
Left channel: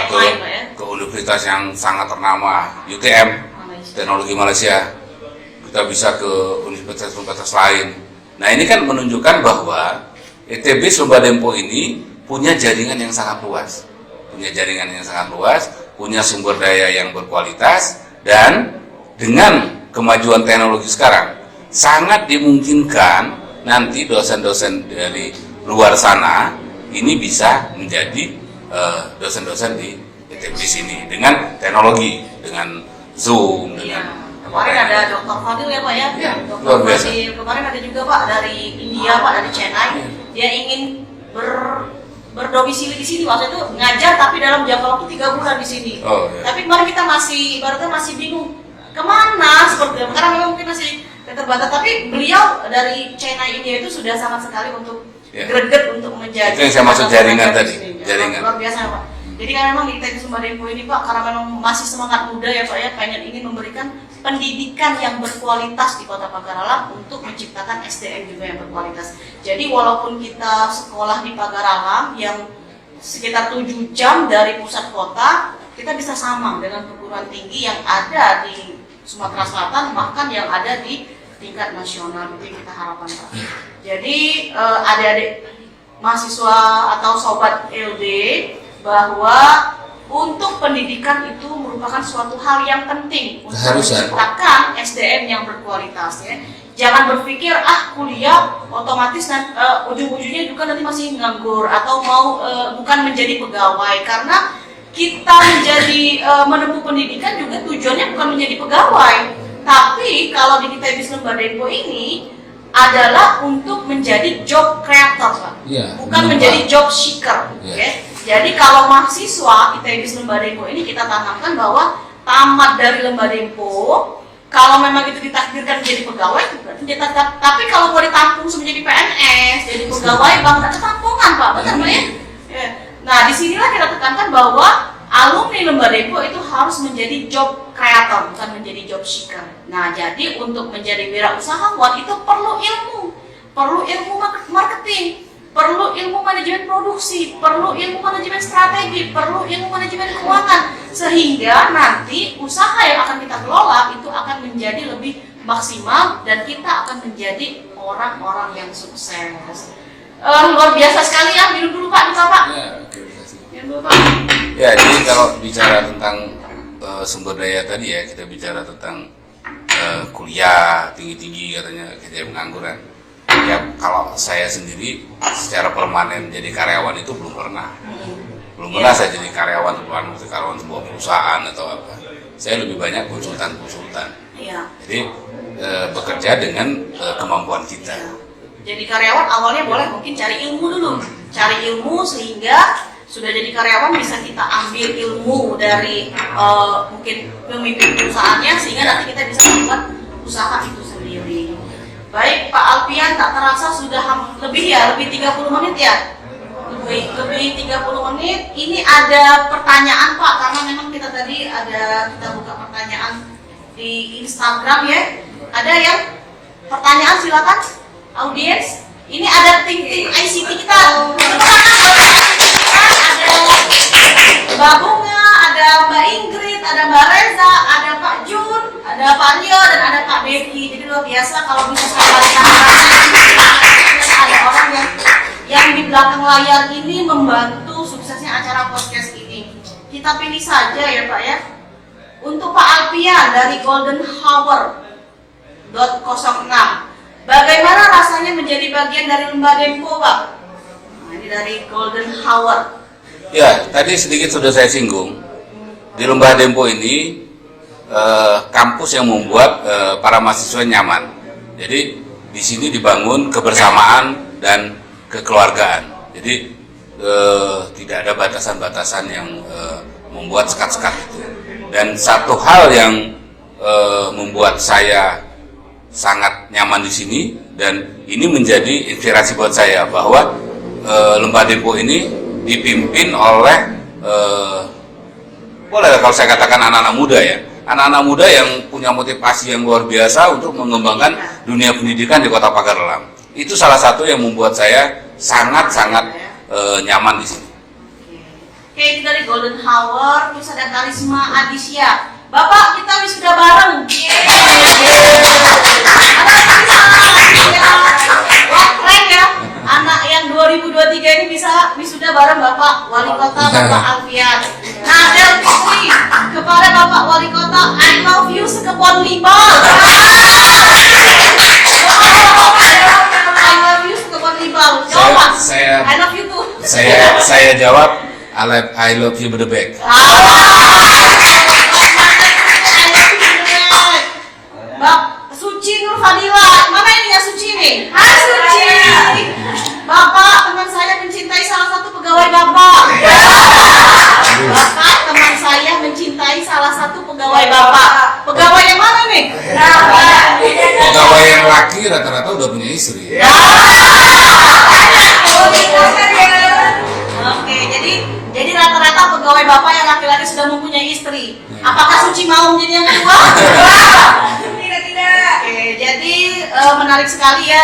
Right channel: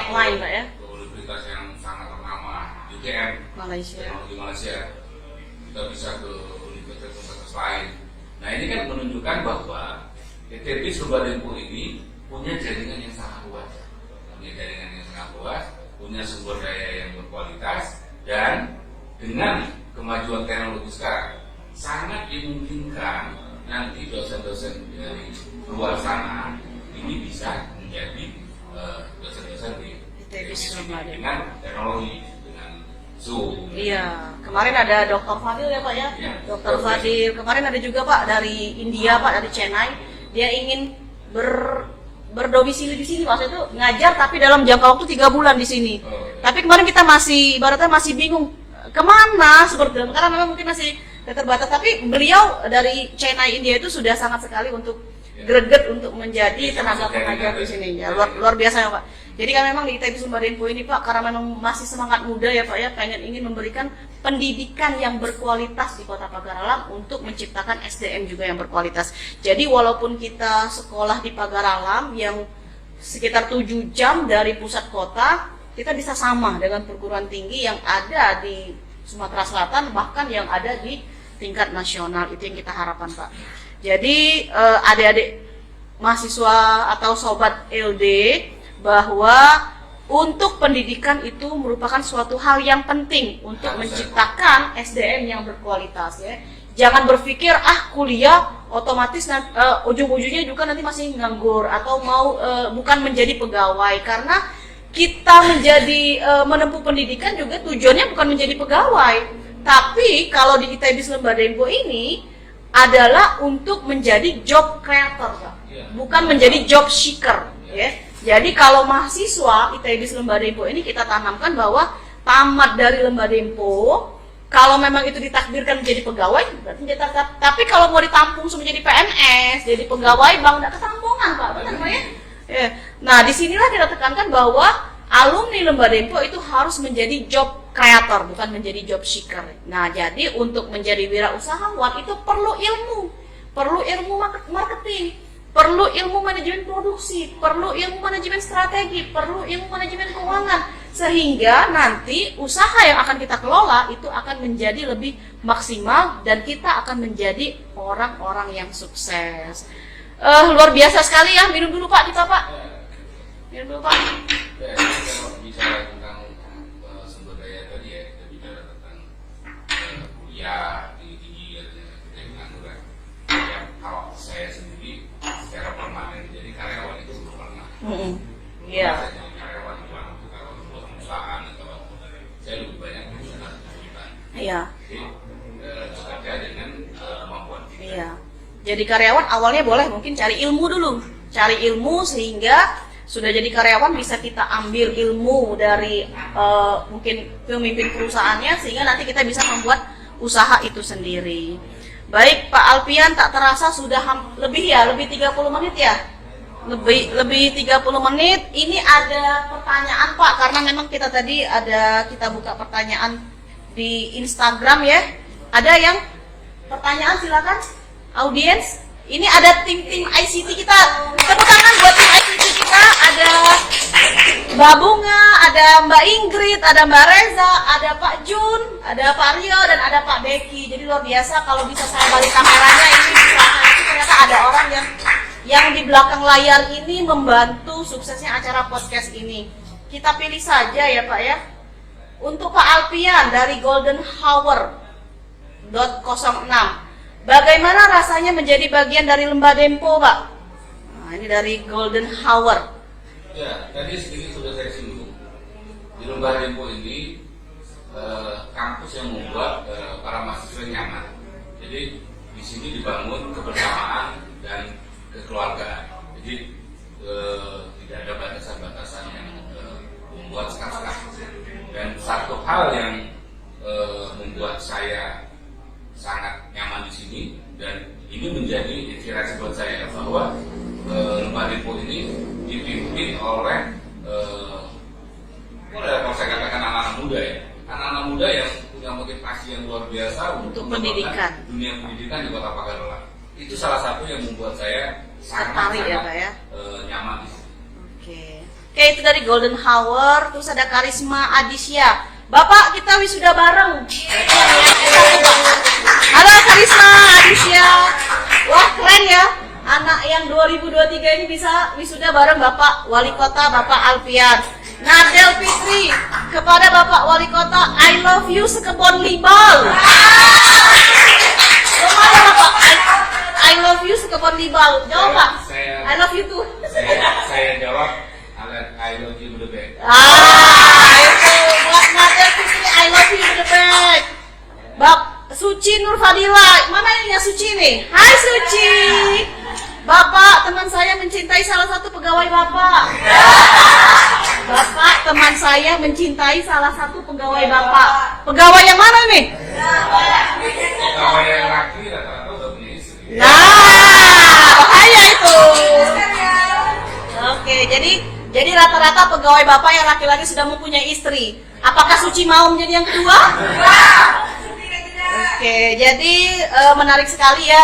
ke universitas yang sangat ternama, UTM, Teknologi Malaysia. Kita bisa ke universitas-universitas lain. Nah ini kan menunjukkan bahwa ITB Selema Dempo ini punya jaringan yang sangat luas. Punya sumber daya yang berkualitas, dan dengan kemajuan teknologi sekarang sangat dimungkinkan nanti dosen-dosen dari luar sana ini bisa menjadi dosen-dosen di ITB sini dengan teknologi, dengan Zoom. Iya. Kemarin ada Dr. Fadil ya Pak ya. Ya, Dr. Fadil. Kemarin ada juga Pak dari India Pak, dari Chennai. Dia ingin berdomisili di sini, maksudnya itu ngajar tapi dalam jangka waktu 3 bulan di sini. Oh, iya. Tapi kemarin kita ibaratnya masih bingung kemana seperti itu, karena memang mungkin masih terbatas. Tapi beliau dari Chennai India itu sudah sangat sekali untuk greget untuk menjadi. Itu yang saya maksud jaringan tadi. Jaringan. Luar biasa ya Pak. Jadi kan memang di ITB Selema Dempo ini Pak, karena memang masih semangat muda ya Pak ya, ingin memberikan pendidikan yang berkualitas di Kota Pagar Ulam untuk menciptakan SDM juga yang berkualitas. Jadi walaupun kita sekolah di Pagar Ulam yang sekitar 7 jam dari pusat kota, kita bisa sama dengan perguruan tinggi yang ada di Sumatera Selatan, bahkan yang ada di tingkat nasional. Itu kita harapkan Pak. Jadi adik-adik mahasiswa atau sobat LB, bahwa untuk pendidikan itu merupakan suatu hal yang penting untuk menciptakan SDM yang berkualitas, ya. Jangan berpikir kuliah otomatis ujung-ujungnya juga nanti masih nganggur atau mau bukan menjadi pegawai, karena kita menjadi menempuh pendidikan juga tujuannya bukan menjadi pegawai, tapi kalau di ITB Lembah Dempo ini adalah untuk menjadi job creator, Pak. Bukan menjadi job seeker. Okay? Jadi kalau mahasiswa ITB Lembah Dempo ini kita tanamkan bahwa tamat dari Lembah Dempo, kalau memang itu ditakdirkan menjadi pegawai, berarti tapi kalau mau ditampung menjadi PNS, jadi pegawai bank ketampungan, Pak. Betul ya? Nah, disinilah kita tekankan bahwa alumni Lembah Dempo itu harus menjadi job creator, bukan menjadi job seeker. Nah, jadi untuk menjadi wirausahawan itu perlu ilmu marketing, perlu ilmu manajemen produksi, perlu ilmu manajemen strategi, perlu ilmu manajemen keuangan, sehingga nanti usaha yang akan kita kelola itu akan menjadi lebih maksimal dan kita akan menjadi orang-orang yang sukses. Luar biasa sekali ya. Minum dulu Pak, kita Pak. Minum dulu Pak. Ya, jadi kalau bicara tentang sumber daya tadi ya, kita bicara tentang kuliah tinggi-tinggi katanya kita pengangguran. Ya kalau saya sendiri secara permanen jadi karyawan itu belum pernah. Belum pernah saya jadi karyawan sebuah perusahaan atau apa. Saya lebih banyak konsultan. Iya. Jadi bekerja dengan kemampuan kita. Iya. Jadi karyawan awalnya boleh mungkin cari ilmu dulu. Cari ilmu sehingga sudah jadi karyawan bisa kita ambil ilmu dari mungkin pemimpin perusahaannya sehingga nanti kita bisa membuat usaha itu sendiri. Baik Pak Alfian, tak terasa sudah lebih 30 menit ya. Lebih 30 menit. Ini ada pertanyaan Pak, karena memang kita tadi kita buka pertanyaan di Instagram ya. Ada yang pertanyaan, silakan audiens. Ini ada tim ICT kita. Tepuk tangan buat ICT kita. Ada Mbak Bunga, ada Mbak Ingrid, ada Mbak Reza, ada Pak Jun, ada Pak Rio, dan ada Pak Beki. Jadi luar biasa kalau bisa saya balik kameranya. Ada orang yang di belakang layar ini membantu suksesnya acara podcast ini. Kita pilih saja ya Pak ya. Untuk Pak Alfian dari Golden Hour .06. Bagaimana rasanya menjadi bagian dari Lembah Dempo, Pak? Nah, ini dari Golden Hour. Ya, tadi sedikit sudah saya singgung. Di Lembah Dempo ini kampus yang membuat para mahasiswa nyaman. Jadi di sini dibangun kebersamaan dan kekeluargaan. Jadi tidak ada batasan-batasan yang membuat sekat-sekat itu. Dan satu hal yang membuat saya sangat nyaman di sini dan ini menjadi inspirasi buat saya bahwa Lembah Dempo ini dipimpin oleh boleh kalau saya katakan anak-anak muda ya, anak-anak muda yang punya motivasi yang luar biasa untuk mengembangkan dunia pendidikan di Kota Pagar-Alam. Itu salah satu yang membuat saya sangat-sangat nyaman di sini. Oke, itu dari Golden Hour. Terus ada Karisma Adisya. Bapak, kita wisuda bareng. Halo Karisma Adisya. Wah, keren ya. Anak yang 2023 ini bisa wisuda bareng Bapak Wali Kota Bapak Alfian. Nadel Fitri, kepada Bapak Wali Kota, I love you sekepon libal. I love you sekepon libal. Jawab. I love you too. Saya jawab I love you berdebek. Mbak Suci Nur Fadila, mana ini ya Suci nih? Hai Suci. Bapak, teman saya mencintai salah satu pegawai Bapak. Bapak, teman saya mencintai salah satu pegawai Bapak. Pegawai yang mana nih? Pegawai yang laki rata-rata udah punya istri. Oke, jadi rata-rata pegawai Bapak yang laki-laki sudah mempunyai istri. Apakah Suci mau menjadi yang kedua? Oke, jadi menarik sekali ya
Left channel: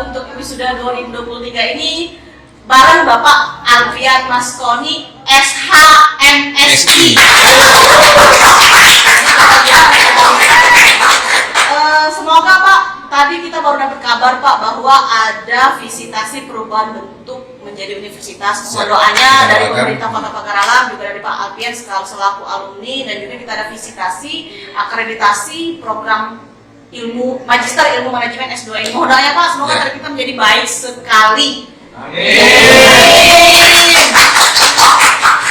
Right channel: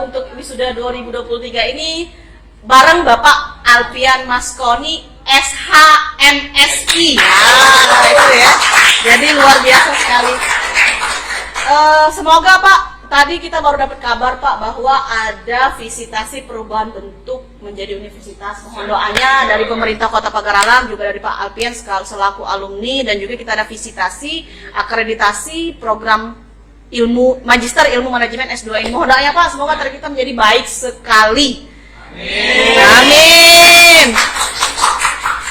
untuk wisuda 2023 ini bareng Bapak Alfian Maskoni SHMSI. Jadi luar biasa. Semoga Pak tadi kita baru dapat kabar Pak bahwa ada visitasi perubahan bentuk menjadi universitas. Semua doanya dari pemerintah Kota Pagar Alam, juga dari Pak Alfian selaku alumni, dan juga kita ada visitasi akreditasi program ilmu Magister Ilmu Manajemen S2 ini. Mohon doanya Pak, semoga target kita menjadi baik sekali. Amin.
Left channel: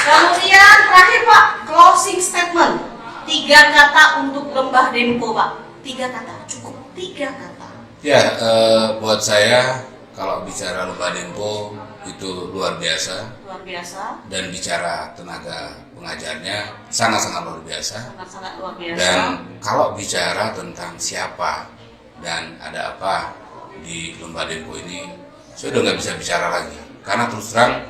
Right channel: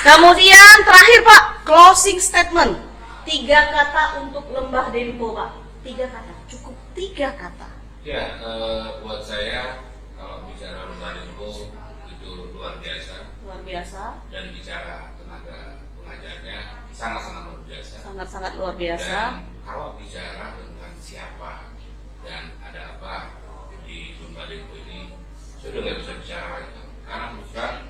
Kemudian terakhir Pak, closing statement. 3 kata untuk Lembah Dempo Pak. 3 kata, cukup 3 kata. Ya, buat saya kalau bicara Lembah Dempo itu luar biasa. Luar biasa. Dan bicara tenaga pengajarnya sangat-sangat luar biasa. Sangat-sangat luar biasa. Dan kalau bicara tentang siapa dan ada apa di Lembah Dempo ini, saya udah nggak bisa bicara lagi. Karena terus terang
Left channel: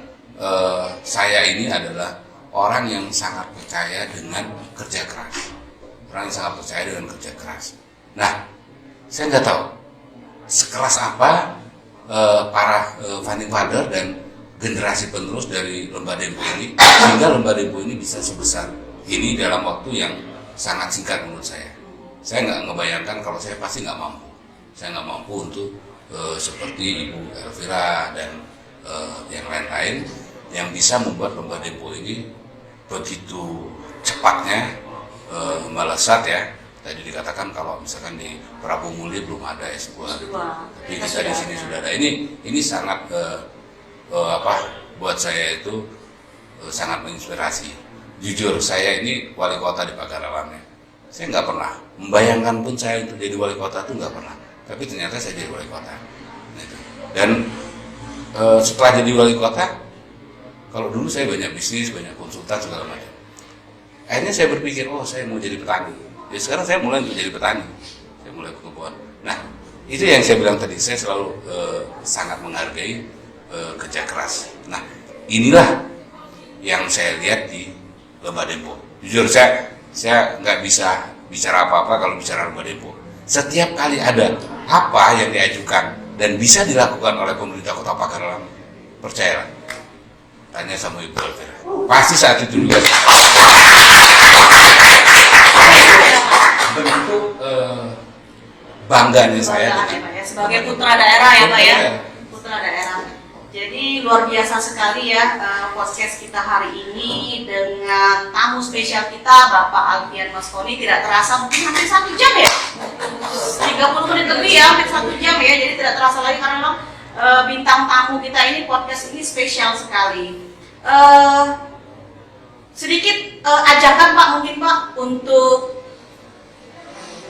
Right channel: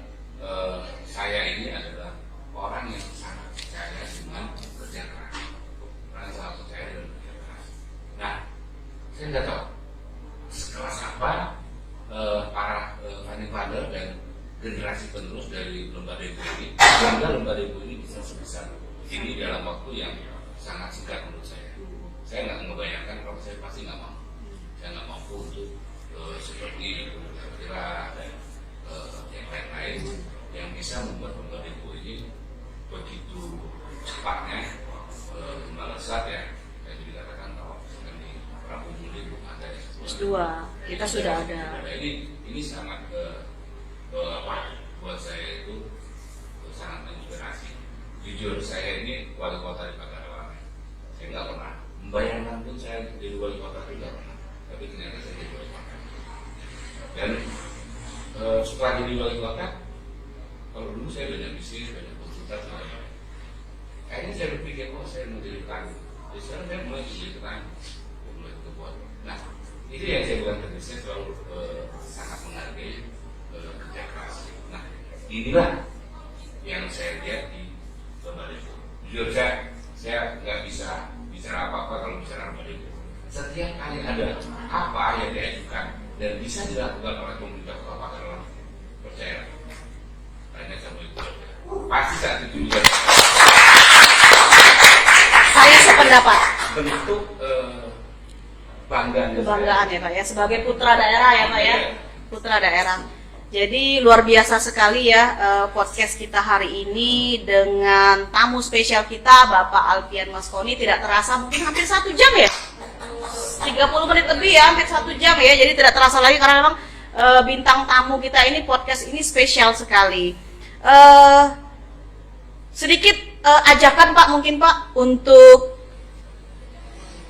saya ini adalah orang yang sangat percaya dengan kerja keras. Orang yang sangat percaya dengan kerja keras. Nah, saya nggak tahu sekelas apa para founding father dan generasi penerus dari Lembah Dempo ini, sehingga Lembah Dempo ini bisa sebesar ini dalam waktu yang sangat singkat menurut saya. Saya nggak ngebayangkan kalau saya pasti nggak mampu. Saya nggak mampu untuk seperti Ibu Elvira dan yang lain-lain yang bisa membuat Lembah Dempo ini begitu cepatnya melesat ya. Tadi dikatakan kalau misalkan di Prabu Muli belum ada S2. Jadi kita di sini sudah ada. Ini sangat buat saya itu sangat menginspirasi. Jujur saya ini wali kota di Pagar Alam ya. Saya nggak pernah membayangkan pun saya untuk jadi wali kota itu nggak pernah. Tapi ternyata saya jadi wali kota. Dan setelah jadi wali kota, kalau dulu saya banyak bisnis, banyak konsultan segala macam. Akhirnya saya berpikir, oh saya mau jadi petani. Ya sekarang saya mulai untuk jadi petani. Saya mulai berkebun. Nah, itu yang saya bilang tadi. Saya selalu sangat menghargai kerja keras. Nah, inilah yang saya lihat di Lembah Dempo. Jujur saya nggak bisa bicara apa-apa kalau bicara Lembah Dempo. Setiap kali ada apa yang diajukan dan bisa dilakukan oleh pemerintah Kota Pagar Alam, percayalah, tanya sama Ibu Elvira. Pasti saat itu juga bentuk bangganya saya. Ya, Pak, ya. Sebagai putra daerah ya Pak ya. Putra daerah. Jadi luar biasa sekali ya podcast kita hari ini dengan tamu spesial kita Bapak Alfian Maskoni. Tidak terasa mungkin hampir 1 jam ya, 30 menit lebih ya, hampir 1 jam ya. Jadi tidak terasa lagi karena memang bintang tamu kita ini, podcast ini spesial sekali. Sedikit ajakan Pak mungkin Pak untuk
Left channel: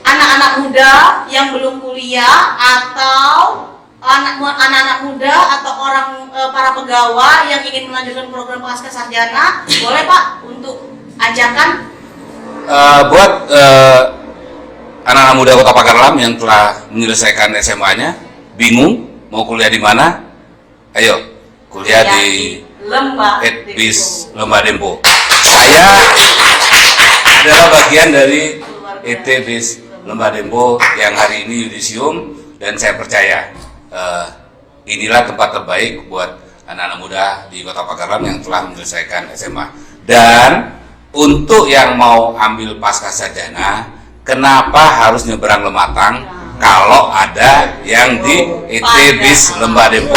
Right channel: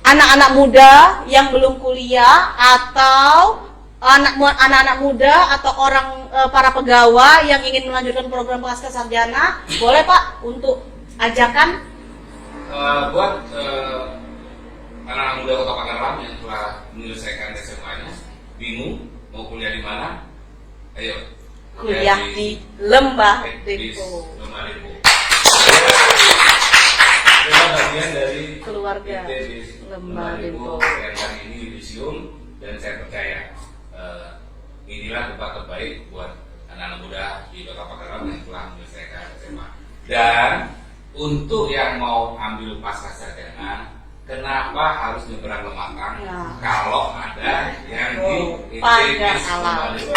anak-anak muda yang belum kuliah atau anak-anak muda atau orang para pegawai yang ingin melanjutkan program pasca sarjana, boleh Pak untuk ajakan buat anak-anak muda Kota Pagar Alam yang telah menyelesaikan SMA-nya, bingung mau kuliah di mana? Ayo kuliah di Lembah Dempo. Saya adalah bagian dari ETBIS Lembah Dempo yang hari ini yudisium, dan saya percaya inilah tempat terbaik buat anak-anak muda di Kota Pagar Alam yang telah menyelesaikan SMA. Dan untuk yang mau ambil pasca sarjana, kenapa harus nyeberang Lematang kalau ada yang di ETBIS Lembah Dempo?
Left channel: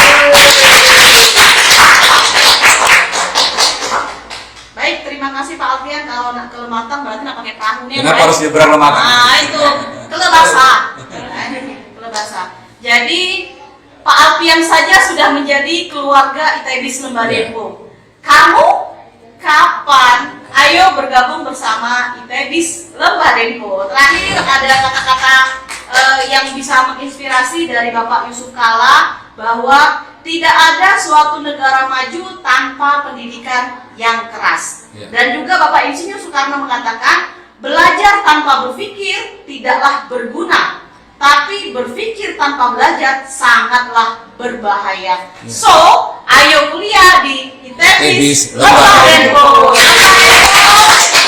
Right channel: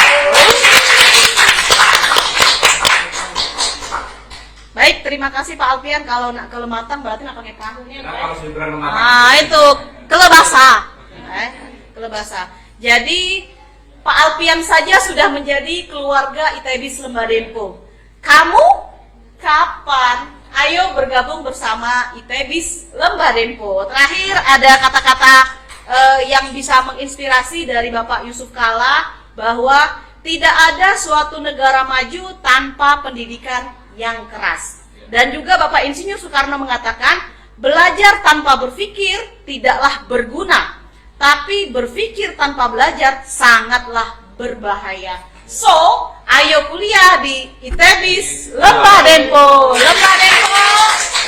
Baik, terima kasih Pak Alfian. Kalau nak ke Lematang berarti nak pakai perahu nih. Kenapa harus nyeberang Lematang? Nah itu kelebasa. Kelebasa. Jadi Pak Alfian saja sudah menjadi keluarga ITBIS Lembah Dempo. Kamu kapan? Ayo bergabung bersama ITBIS Lembah Dempo. Terakhir ada kata-kata yang bisa menginspirasi dari Bapak Yusuf Kala bahwa tidak ada suatu negara maju tanpa pendidikan yang keras. Dan juga Bapak Insinyur Soekarno mengatakan belajar tanpa berpikir tidaklah berguna, tapi berpikir tanpa belajar sangatlah berbahaya. So, ayo kuliah di ITBIS Lembah Dempo.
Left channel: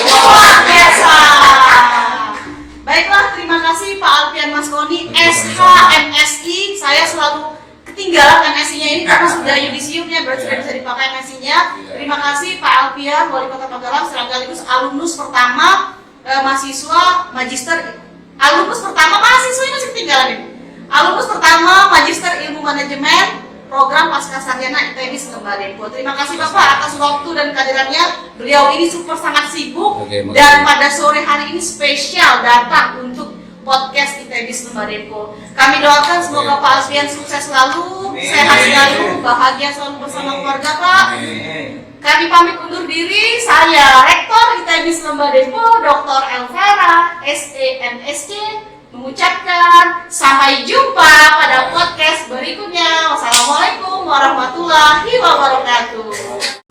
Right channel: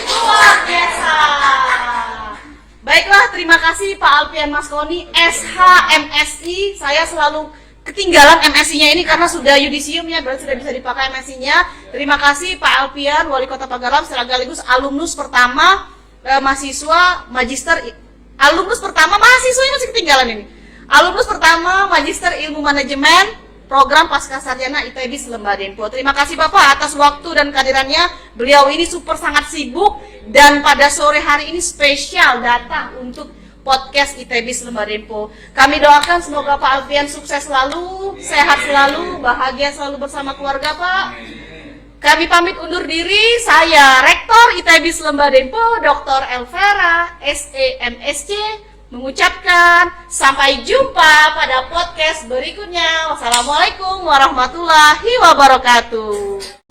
Luar biasa. Baiklah, terima kasih Pak Alfian Maskoni, SH MSI. Saya selalu ketinggalan MSI-nya ini karena sudah yudisiumnya, berarti sudah bisa dipakai MSI-nya. Terima kasih Pak Alfian, Wali Kota Pagar Alam, sekaligus alumnus pertama mahasiswa magister. Alumnus pertama mahasiswa ini masih ketinggalan ini. Alumnus pertama Magister Ilmu Manajemen Program Pascasarjana ITB Lembar Dempo. Terima kasih Bapak atas waktu dan kehadirannya. Beliau ini sangat sibuk. Oke, dan pada sore hari ini spesial datang untuk podcast ITB Lembar Dempo. Kami doakan semoga Pak Alfian sukses selalu, sehat selalu, bahagia selalu bersama keluarga Pak. Kami pamit undur diri. Saya Rektor ITB Lembar Dempo, Dr. Elvera, SEMSC, mengucapkan sampai jumpa pada podcast berikutnya. Wassalamualaikum warahmatullahi wabarakatuh.